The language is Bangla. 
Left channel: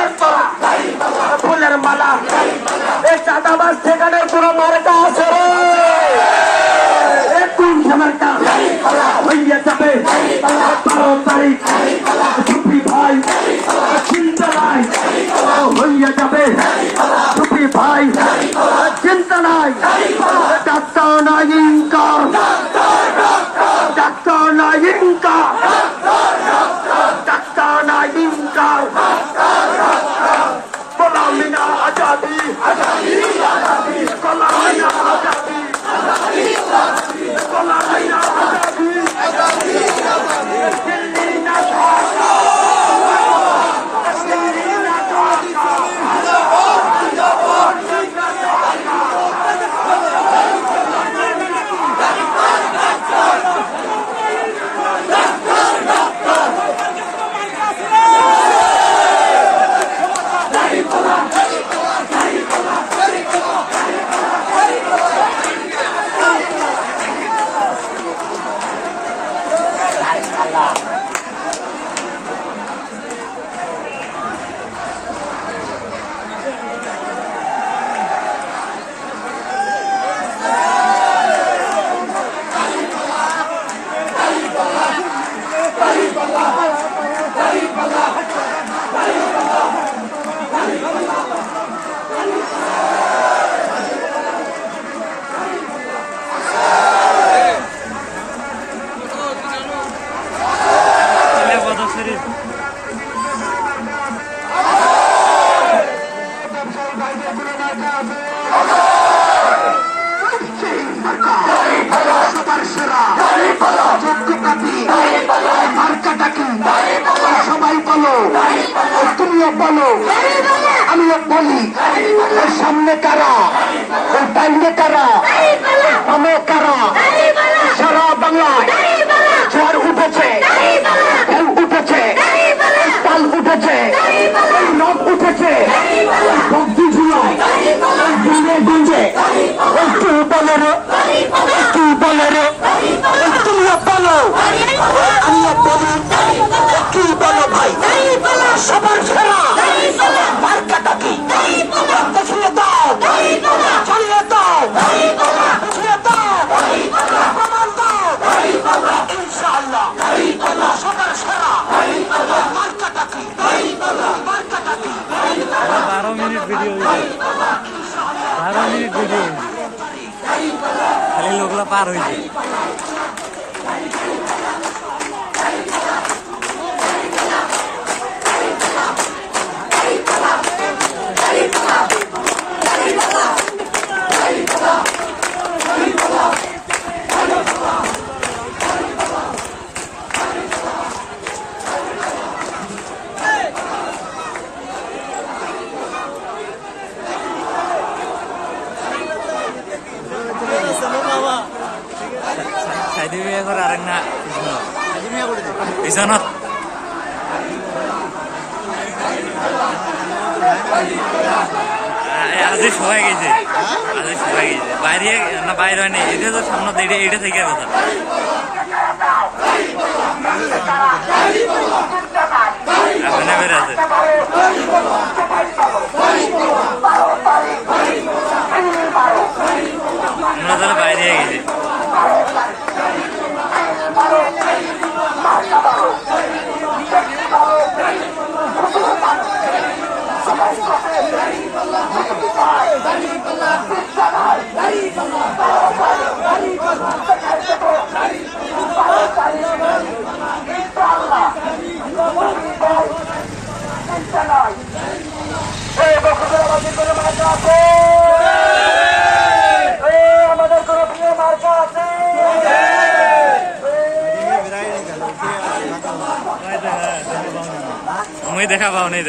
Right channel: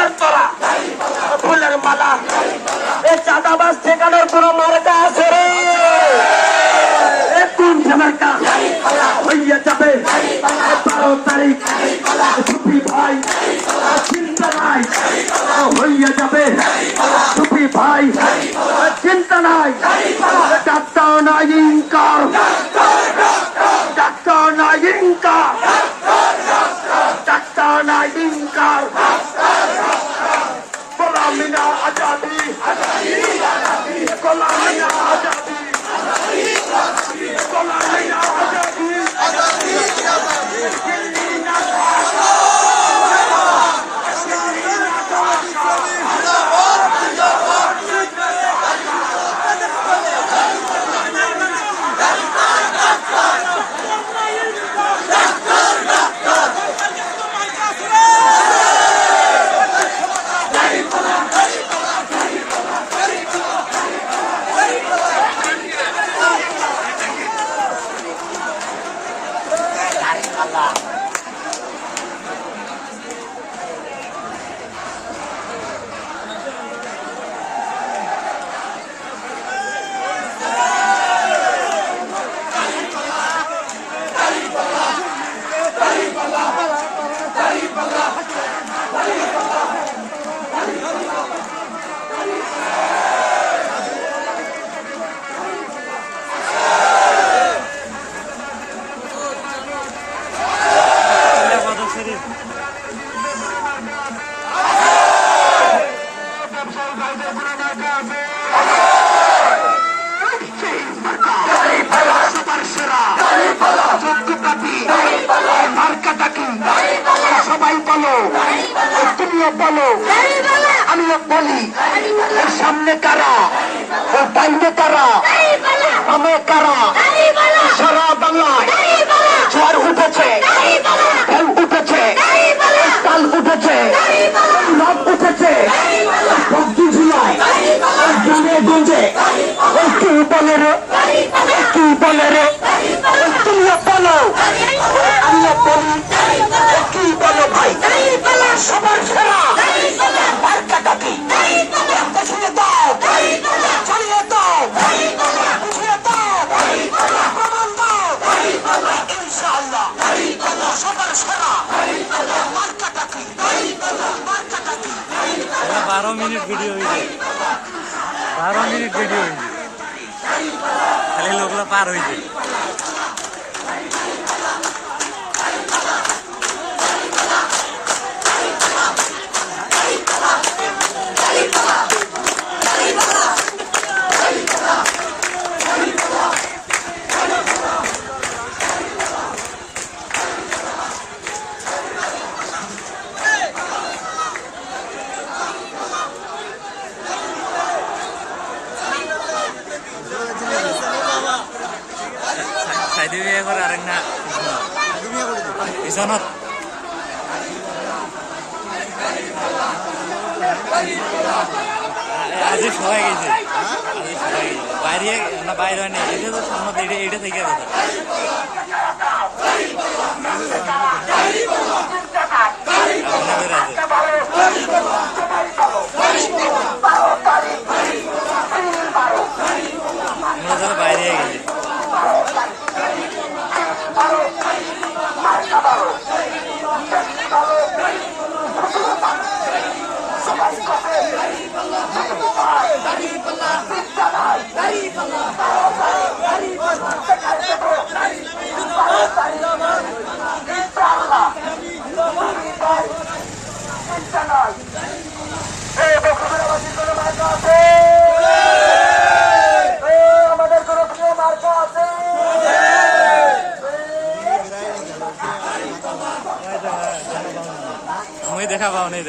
ফুলের তোরা, ফুলের মালা। এই চাঁদাবাজ ঠেকানোর কোন মার্কা আছে রে? কোন মার্কা হইয়া যাবে 12 তারিখ? টুপি ভাই চিন্তা নাই, হইয়া যাবে টুপি ভাই চিন্তা নাই। ডাক্তার নাই ইনকার, ডাক্তার নাই ইনকার, ডাক্তার নাই ইনকার। গোলামি না আজাদি, গোলামি না আজাদি, গোলামি না আজাদি। সবাই বলো, তুমিও বলো, আমিও বলি। এর সামনে কারা, ওর ডাইনে কারা, আমে কারা? সারা বাংলায় ঝড় উঠেছে, ঢেউ উঠেছে, তাল উঠেছে, নব উঠেছে। 12 জুলাই দিনে দিনে কি বলে রে, কি বলে রে? তুমিও বলো, তুমিও বলি, কি বলে ভাই? সবার সেরা মার্কাটা কি? দেখিয়ে দাও, চালিয়ে দাও, বুঝিয়ে দাও, প্রমাণ দাও। ইনশাআল্লাহ সবার সেরা মার্কাটা কি? মার্কাটা কি? 12 মিনিট ভিডিও, 12 মিনিট ভিডিও খালি লোকলা পার হয়েছে। সাইডে বিয়ে করে আরেক না পিছনত আজি সবাই গেছে, আজি সবাই গেছে বাইরে না, বাইরে হয়নি। এটা তো সামনে এটা থেকে কথা। আপনার বের আছে আমরা তাহলে বাইরে গেছি। मैं देखा पाओ नहीं